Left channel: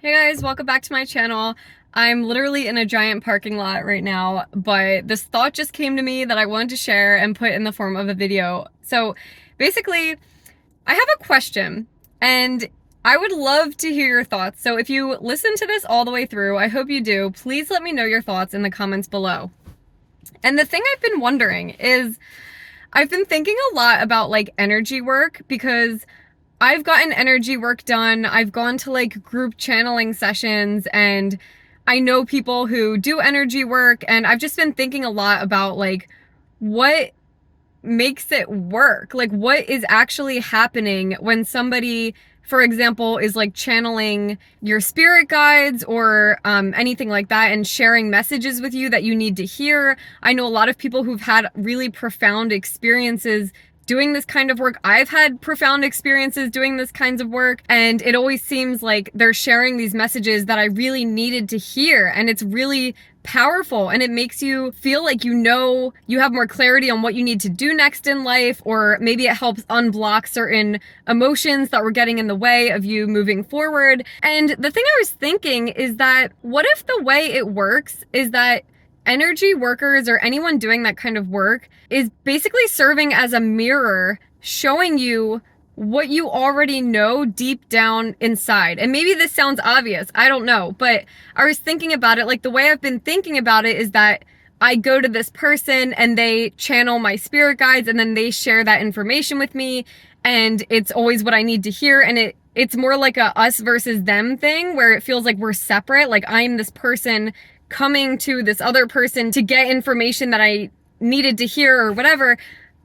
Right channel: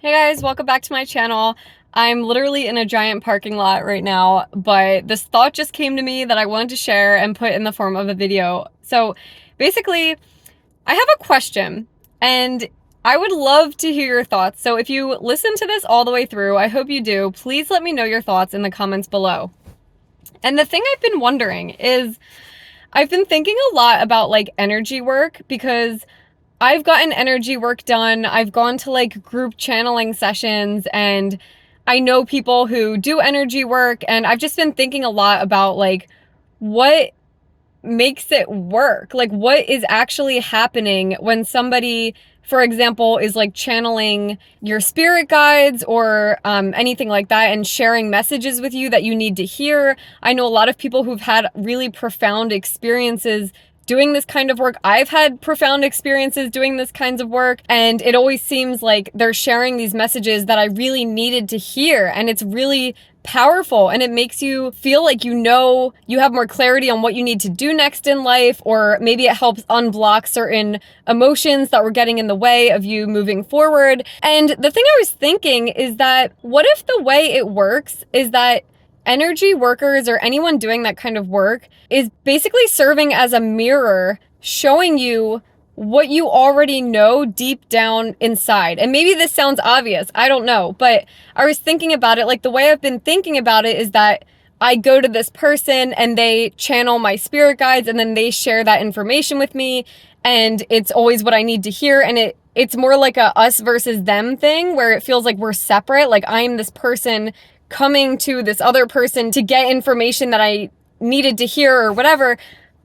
Hey guys, welcome back to my channel. I'm literally in a giant parking lot right now, but this thought just came to me that I wanted to share and put in the form of a video. So basically, I have a question and I would love to hear your thoughts. So if you listen to this all the way through, I hope you do, please let me know your thoughts in the comments below. And the thing I've been wondering is, I've been thinking a lot about like energy work because I've gotten energy work done. I've gone to like group channeling sessions and I know people who do energy work, and I've just been thinking a lot about like what makes it work? Like what is actually happening when somebody, for example, is like channeling your spirit guides or anything like that and sharing messages with you that you need to hear. I know a lot of people who've had really profound experiences doing this kind of work. I've had profound experiences doing this kinds of work, and it always seems like they're sharing these messages that I really needed to hear, and it's really powerful, and it makes you feel like you know you have more clarity on what you need to do next in life, or maybe it helps unblock certain emotions that were getting in the way of you moving forward. And the thing I was thinking is that what if the way it works is that energy workers or anyone doing that kind of work is basically serving as a mirror, showing you what you already know deep down inside. And maybe this sounds obvious, I don't know, but I was thinking about it, like the way I've been thinking about it is that I go to this person and they channel my spirit guides and then they share that information with me, and it's always what I need to hear. And it's more like a us versus them thing where it feels like we're separate, like I'm this person coming to this other person to get information that I needed to hear or whatever.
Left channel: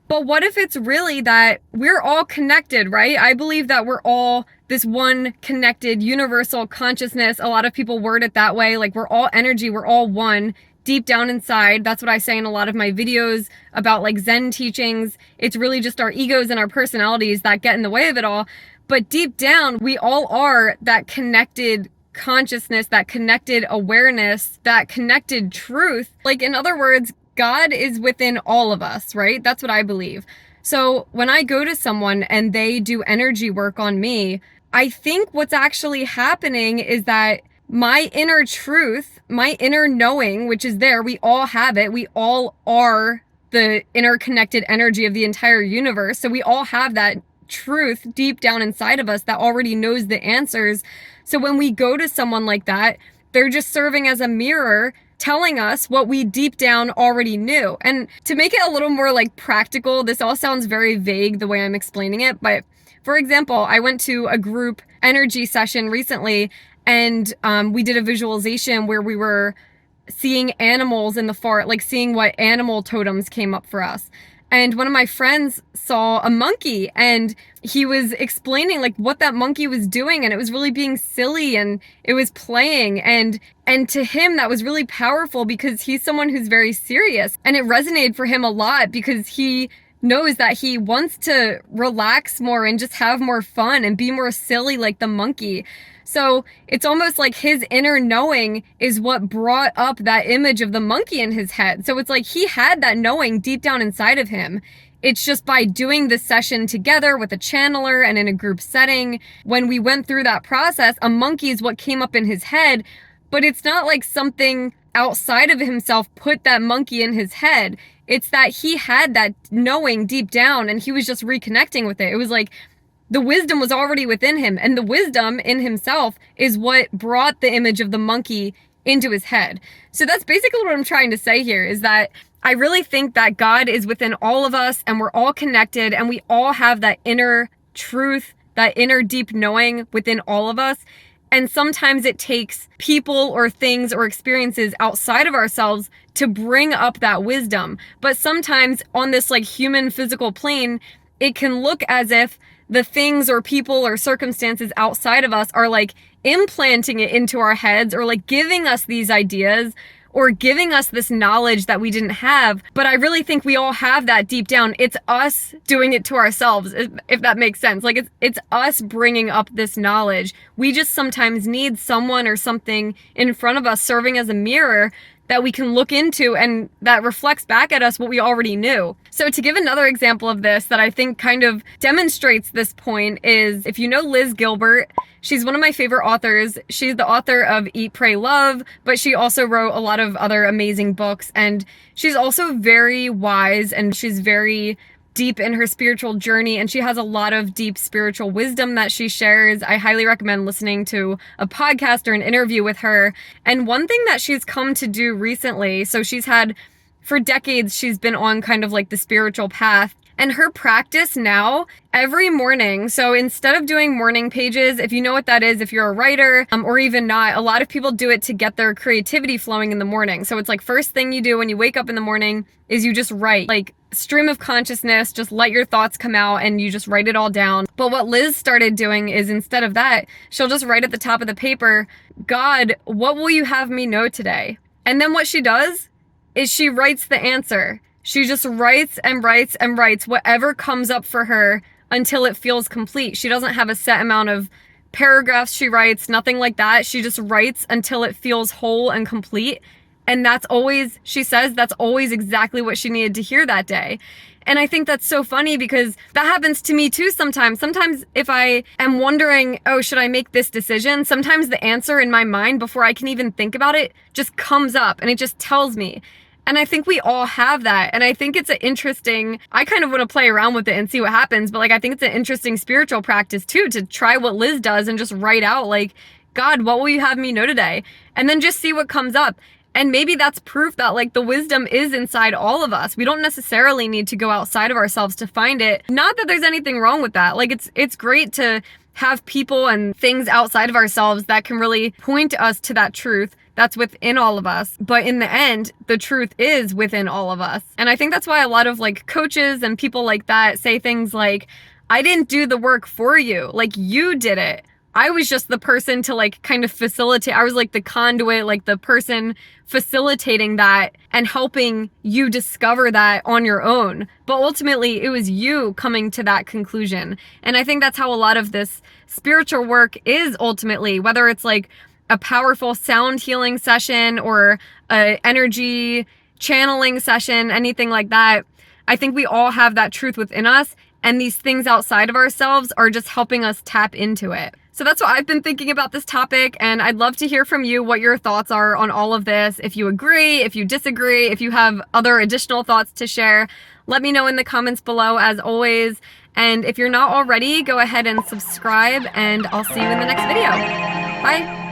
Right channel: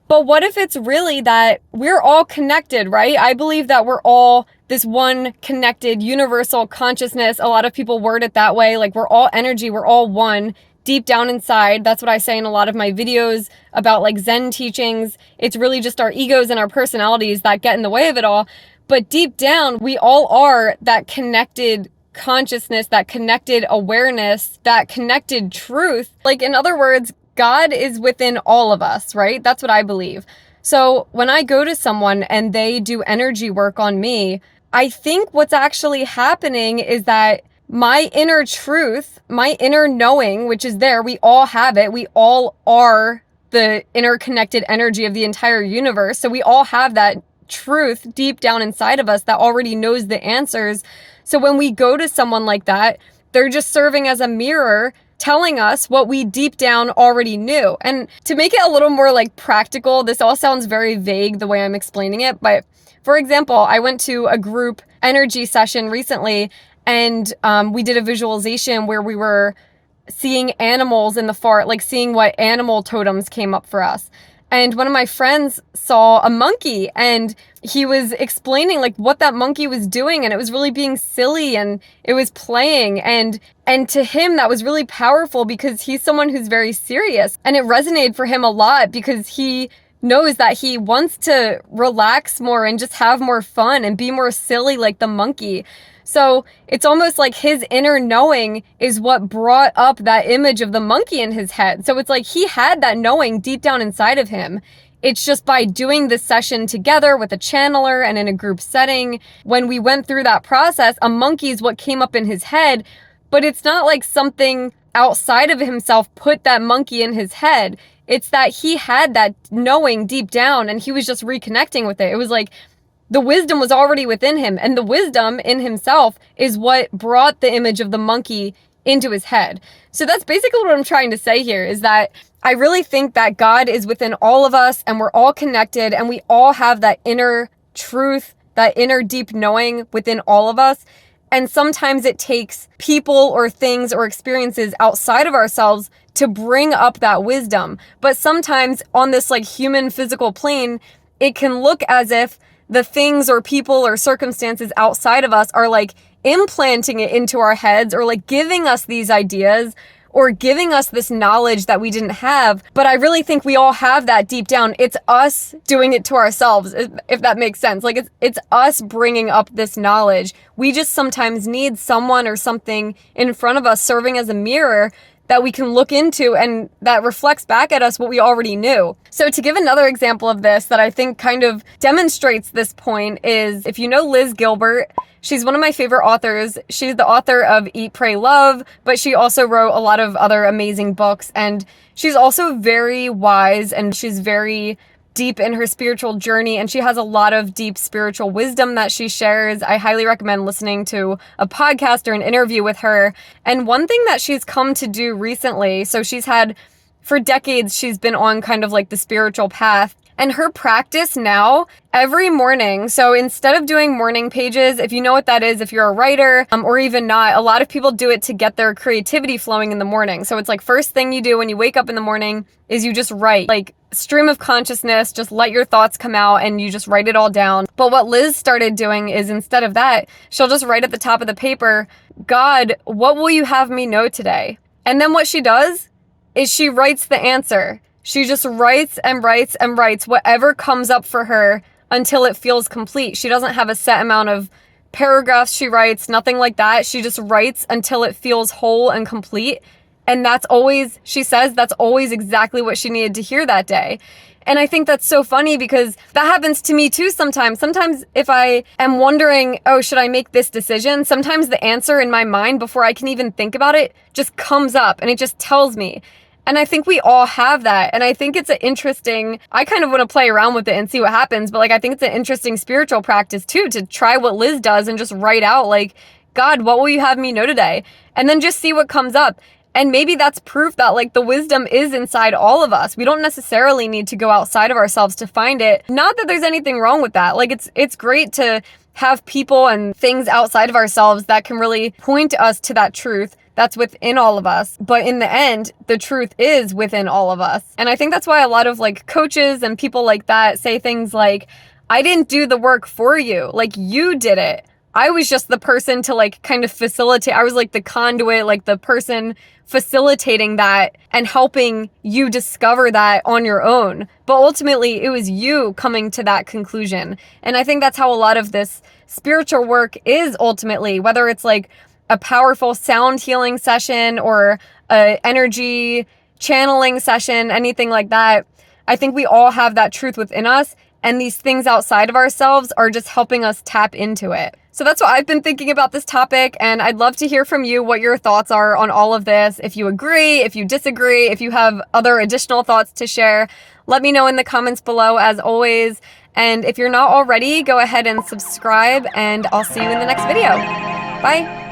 But what if it's really that we're all connected, right? I believe that we're all this one connected universal consciousness. A lot of people word it that way. Like we're all energy, we're all one deep down inside. That's what I say in a lot of my videos about like Zen teachings. It's really just our egos and our personalities that get in the way of it all. But deep down, we all are that connected consciousness, that connected awareness, that connected truth. Like in other words, God is within all of us, right? That's what I believe. So when I go to someone and they do energy work on me, I think what's actually happening is that my inner truth, my inner knowing, which is there, we all have it. We all are the interconnected energy of the entire universe. So we all have that truth deep down inside of us that already knows the answers. So when we go to someone like that, they're just serving as a mirror, telling us what we deep down already knew. And to make it a little more like practical, this all sounds very vague the way I'm explaining it, but for example, I went to a group energy session recently, and we did a visualization where we were seeing animals in the far, like seeing what animal totems came up for us. And one of my friends saw a monkey, and he was explaining like what that monkey was doing, and it was really being silly and it was playing, and to him that was really powerful because he's someone who's very serious, and it resonated for him a lot because he knows that he wants to relax more and just have more fun and be more silly like the monkey. So it's almost like his inner knowing is what brought up that image of the monkey in his head. So it's like he had that knowing deep down inside of him. It's just by doing this session together with a channeler and in a group setting, when we went through that process, a monkey is what came up in his head, but it's not like something outside of himself put that monkey in his head. It's that he had that knowing deep down and he was just reconnecting with it. It was like the wisdom was already within him, and the wisdom in himself is what brought the image of the monkey into his head. So that's basically what I'm trying to say here, is that I really think that God is within all of us and we're all connected and we all have that inner truth, that inner deep knowing within all of us. And sometimes it takes people or things or experiences outside of ourselves to bring up that wisdom. But sometimes on this like human physical plane, it can look as if the things or people or circumstances outside of us are like implanting it into our heads or like giving us these ideas or giving us this knowledge that we didn't have. But I really think we all have that deep down. It's us doing it to ourselves, if that makes sense. Like it's us bringing up this knowledge. We just sometimes need someone or something in front of us serving as a mirror that we can look into and that reflects back at us what we already knew. So to give another example of this that I think kind of demonstrates this point is, if you know Liz Gilbert, she's one of my favorite authors. She's the author of Eat, Pray, Love, but she also wrote a lot of other amazing books. And she's also very wise and she's very deep in her spiritual journey, and she has a lot of deep spiritual wisdom that she shares. I highly recommend listening to a podcast or an interview with her. And one thing that she's come to do recently, so she's had, for decades, she's been on kind of like the spiritual path. And her practice now, every morning, so instead of doing morning pages, if you know what that is, if you're a writer, or even not, a lot of people do it to get their creativity flowing in the morning. So it's like first thing you do when you wake up in the morning is you just write, like stream of consciousness, just let your thoughts come out and you just write it all down. But what Liz started doing is, instead of that, she'll just write at the top of the paper, God, what will you have me know today? And then what she does is she writes the answer. She just writes and writes and writes whatever comes up for her until it feels complete. She doesn't have a set amount of paragraphs she writes, nothing like that. She just writes until it feels whole and complete. And that's always, she says, that's always exactly what she needed to hear that day. And I think that's so funny because that happens to me too sometimes. Sometimes if I am wondering, oh, should I make this decision? Sometimes the answer in my mind before I can even think about it just comes up and it just tells me. And I think we all have that. And I think it's an interesting, I kind of want to play around with it and see what happens. But like, I think it's an interesting spiritual practice too, to try what Liz does and just write out like, God, what will you have me know today? And then just see what comes up. And maybe that's proof that like the wisdom is inside all of us. We don't necessarily need to go outside of ourselves to find it. Not that there's anything wrong with that. Like it's great to have people and things outside of ourselves that can really point us to that truth that's within all of us. But in the end, the truth is within all of us. And I think that's why a lot of like coaches and people like that say things like, I didn't do the work for you. Like you did it. I was just the person to like kind of facilitate. I was like the conduit, like the person facilitating that and helping you discover that on your own. But ultimately it was you coming to that conclusion. And I think that's how a lot of this spiritual work is ultimately, whether it's like a powerful sound healing session or a energy channeling session, anything like that. I think we all have that truth within us, and these things outside of ourselves are just helping us tap into it. So that's what I've been thinking about this topic, and I'd love to hear from you what your thoughts are on all of this. If you agree, if you disagree, if you have other additional thoughts to share, let me know in the comments below as always. And if you're not already, go ahead and subscribe, and I'll see you in the next video. Bye.